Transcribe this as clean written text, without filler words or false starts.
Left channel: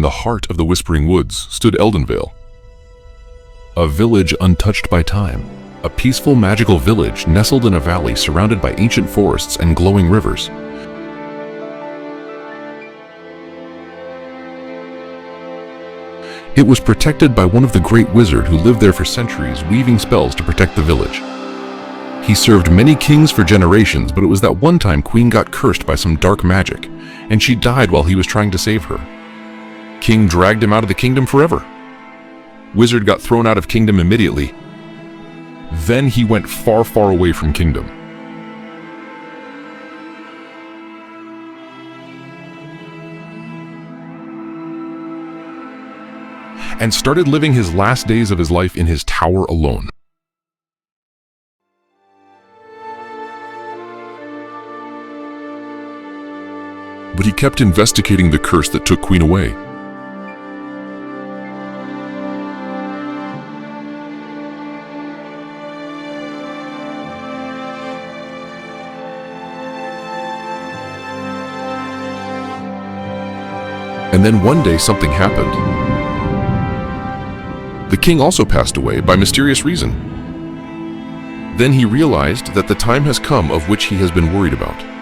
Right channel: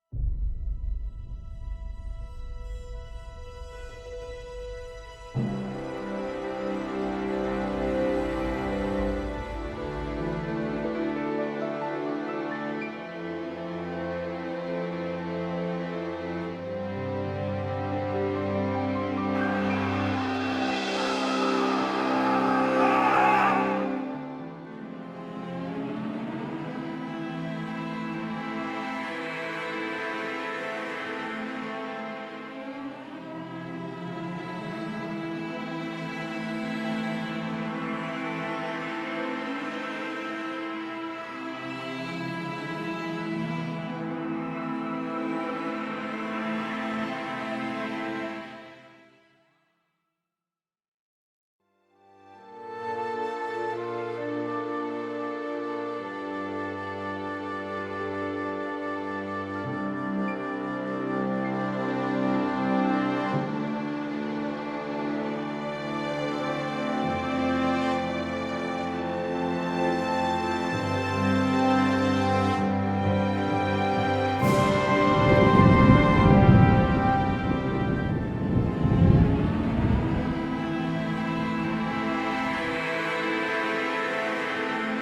in the heart of the Whispering Woods stood Eldenvale, a village untouched by time, a peaceful, magical village nestled in a valley surrounded by ancient forests and glowing rivers. It was protected by one of the great wizards who lived there for centuries, weaving spells to protect the village. He served many kings for generations, but it was that one time Queen got cursed by some dark magic, and she died while he was trying to save her. King dragged him out of the kingdom forever. Wizard got thrown out of kingdom immediately. Then he went far, far away from kingdom. And started living his last days of his life in his tower alone. But he kept investigating the curse that took Queen away. And then one day something happened. The king also passed away by mysterious reason. Then he realized that the time has come of which he has been worried about.